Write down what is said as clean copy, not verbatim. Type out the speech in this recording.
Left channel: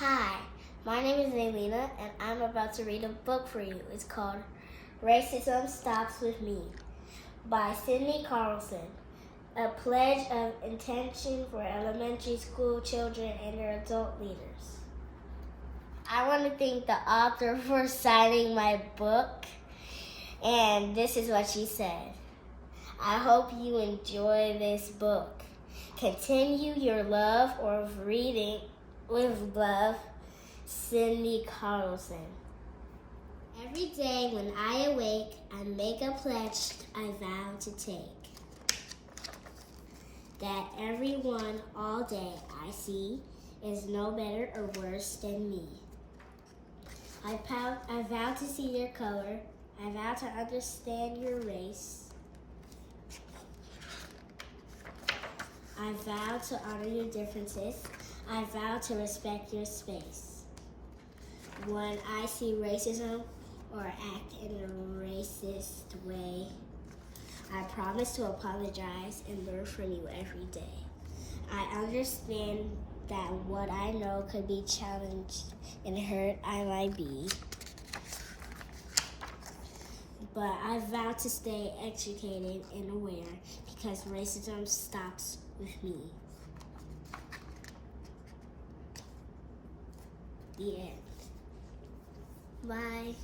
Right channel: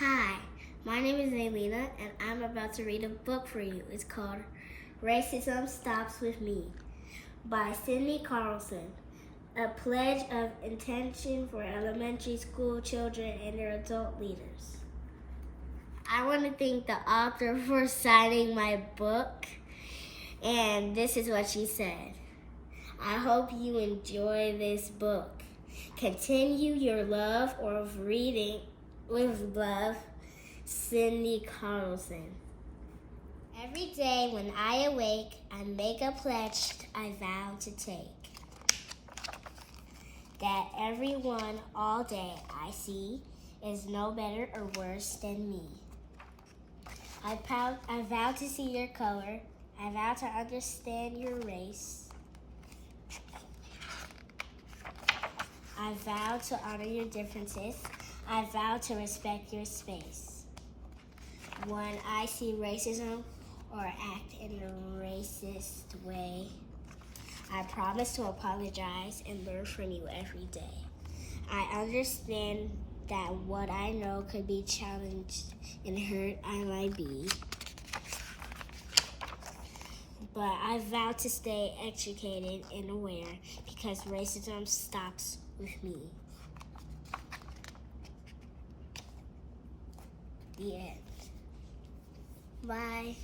Hi, my name is Neilina, and I'm about to read a book for you. It's called Racism Stops With Me by Sydney Carlson, a pledge of intention for elementary school children and their adult leaders. I want to thank the author for signing my book, and this is what she said. I hope you enjoy this book. Continue your love of reading with love, Sydney Carlson. Every day when I awake, I make a pledge I vow to take. That everyone all day I see is no better or worse than me. I vow to see your color. I vow to understand your race. I vow to honor your differences. I vow to respect your space. When I see racism or act in a racist way, I promise to apologize and learn from you every day. I understand that what I know could be challenged and hurt I might be, but I vow to stay educated and aware because racism stops with me. The end. Bye.